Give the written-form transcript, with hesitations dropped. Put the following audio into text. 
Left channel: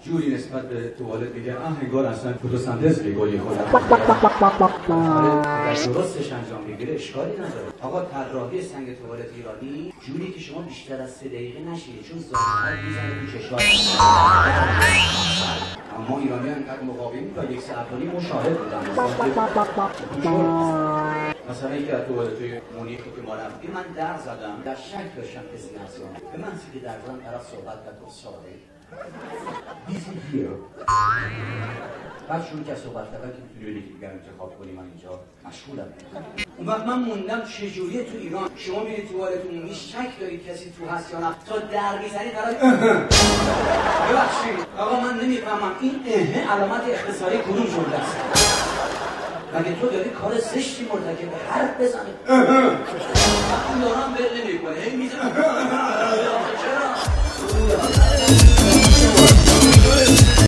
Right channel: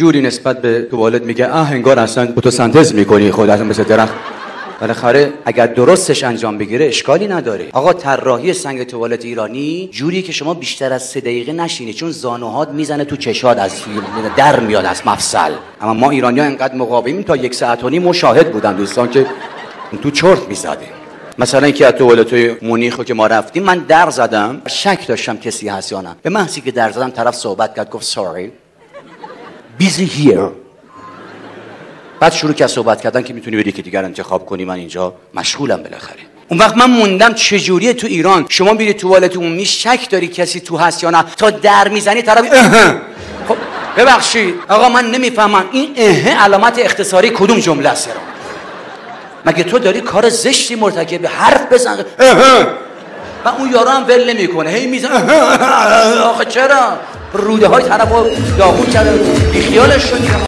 جوری نسبت به توالت میگه انگار اصلا فتوسنتز میکنی خود اصلا مثل درخت. بالاخره اگر درستش انجام بگیره اشکالی نداره. آقا طراحی سنگ توالت ایرانی جوری که شما بیشتر از 3 دقیقه نشینی، چون زانوهات میزنه تو چشات، از در میاد از مفصل. اما ما ایرانی‌ها اینقدر مقاومیم تا 1.5 ساعت مشاهد بودن دوستان که تو چرت میزده. مثلا اینکه از توالت‌های مونیخو که ما رفتیم من در زدم، شک داشتم کسی هست یا نه. به محضی که در زدم طرف صحبت کرد، گفت sorry busy here. بعد شروع کرد صحبت کردن که میتونی بری که دیگر انتخاب کنی، من اینجا مشغولم بالاخره. اون وقت من موندم چجوریه تو ایران شما میری توالت عمومی شک داری کسی تو هست یا نه، تا در میزنی طرف خب ببخشید آقا من نمیفهمم این علامت اختصاری کدوم جمله است؟ مگه تو داری کار زشتی مرتکب حرف بزن و اون یارو هم ول نمیکنه هی میزنه آخه چرا روده های طرفو داغون کرده بیخیالش شد